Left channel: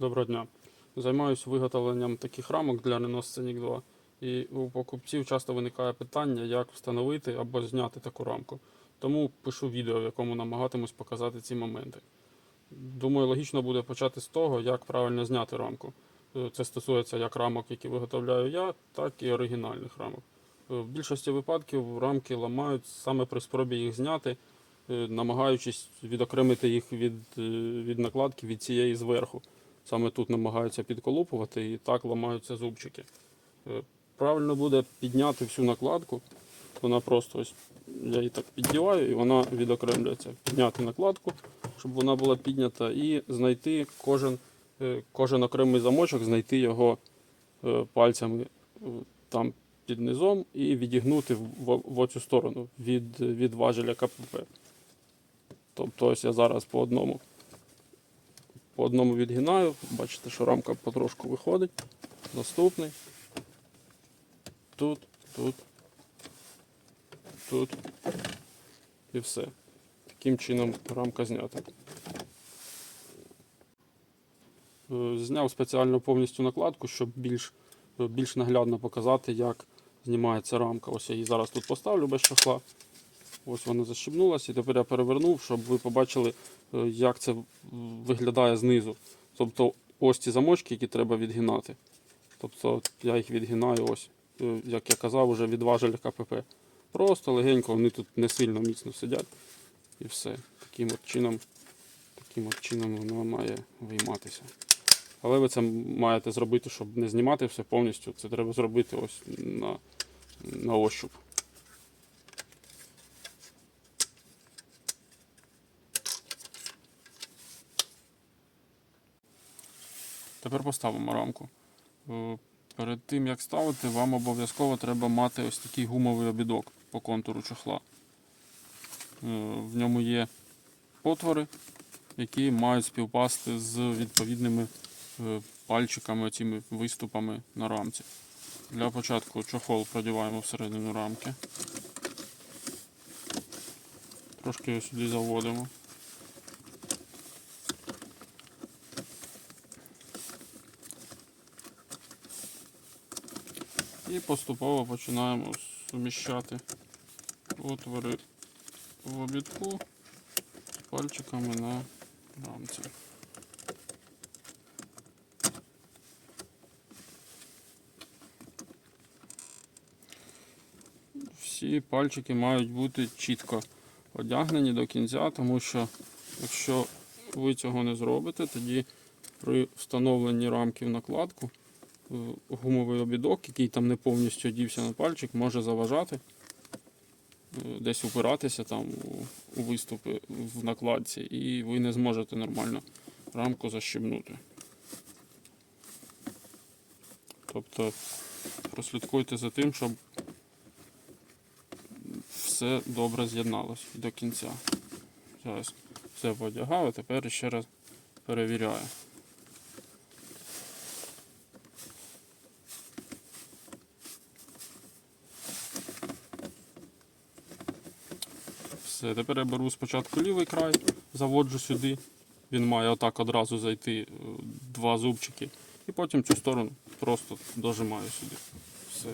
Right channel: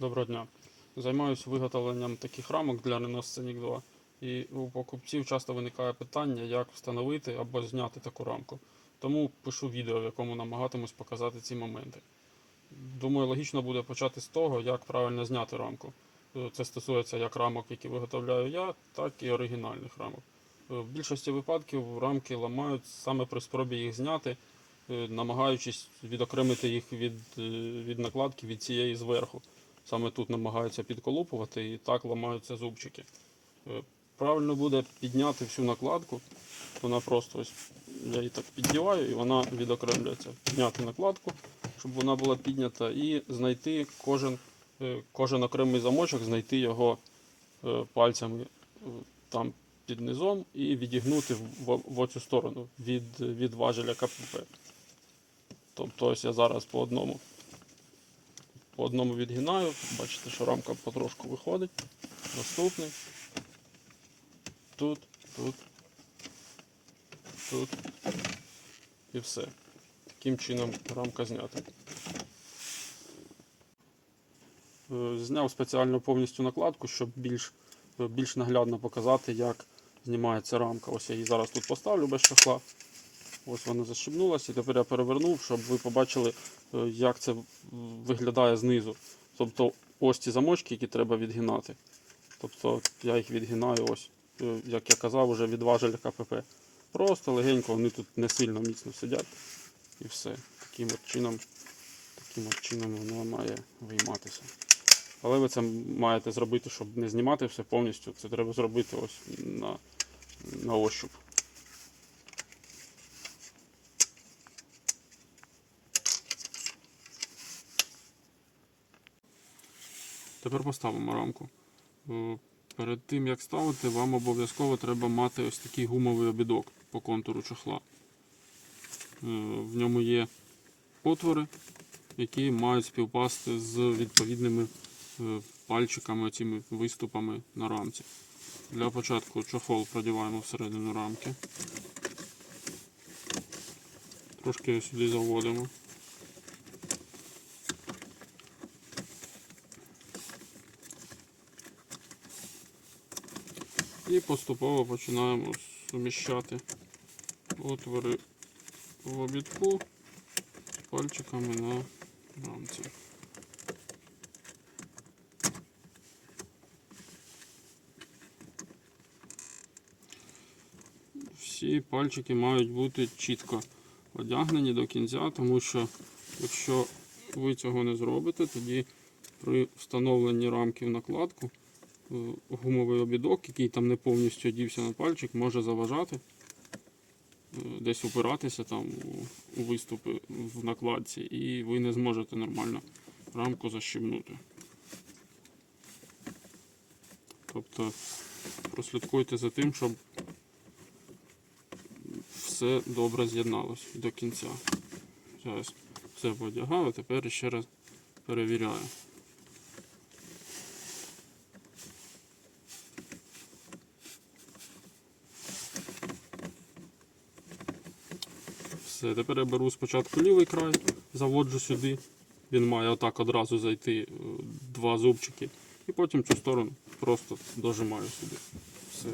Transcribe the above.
Доброго дня. Займаюся виготовленням таких рамок для Renault Scenic 2. І у покупців часто виникає питання, як встановити або зняти таку рамку. Тому пишу відео, в якому намагатимусь показати ці моменти. Думаю, логічно буде почати з того, як правильно зняти рамку. Е, Це стосується як рамок, які виготовляю я, так і оригінальних рамок. Е, В більшості випадків рамки ламають саме при спробі їх зняти, е, намагаючись відокремити їх від, від накладки від цієї зверху. Саме тут намагаються підколупувати і так ламаються зубчики. Е, Правильно буде підняти всю накладку. Вона просто ось я її так піддіваю і вона відокремлюється. Підняти накладку, щоб вона була піднята, і знайти кожен, е, кожен окремий замочок, знайти його е, пальцями там під низом і відігнути в, в, в оцю сторону від, від важеля КПП. Тобто ось я зараз по одному по одному відгинаю, бачите, що рамка потрошку виходить. Наступний. Тут, тут, тут. І все. Таким чином рамка знята. Е, Зняв спеціально повністю накладку, щоб більш, е, більш наглядно показати, як знімається рамка. Ось я її зараз тут поставлю без чохла. Ось вона защібнулася, і тепер я перевернув, щоб ви побачили, е, як це виглядає знизу. Тобто ось ці замочки, які треба відгинати. Тобто я їх відгинаю ось, е, як я казав, вже від важеля КПП. Просто легенько, вони тут не сильно міцно сидять. І все. Таким от чином, таким от чином воно має вийматися. Але ви це маєте зробити, щоб не знімати все повністю. Це треба зробити ось на, на ощуп. Тепер поставимо рамку. Е, Перед тим як ставити, вам обов'язково треба мати ось такий гумовий обідок по контуру чохла. Е, В ньому є отвори, які мають співпасти з відповідними е, пальчиками, цими виступами на рамці. Для початку чохол продіваємо всередину рамки. Трошки сюди заводимо. І поступово починаємо суміщати отвори в обідку пальчиками на рамці. Всі пальчики мають бути чітко одягнені до кінця, тому що якщо ви цього не зробите, тоді при встановленні рамки в накладку гумовий обідок, який там не повністю одівся на пальчик, може заважати, е, десь упиратися там у виступи в накладці, і ви не зможете нормально рамку защібнути. Тобто прослідкуйте за тим, щоб все добре з'єдналось до кінця. Зараз все подягав, тепер ще раз перевіряю. Все, тепер я беру спочатку лівий край, заводжу сюди. Він має отак одразу зайти е, два зубчики. І потім цю сторону просто дожимаю сюди. Все.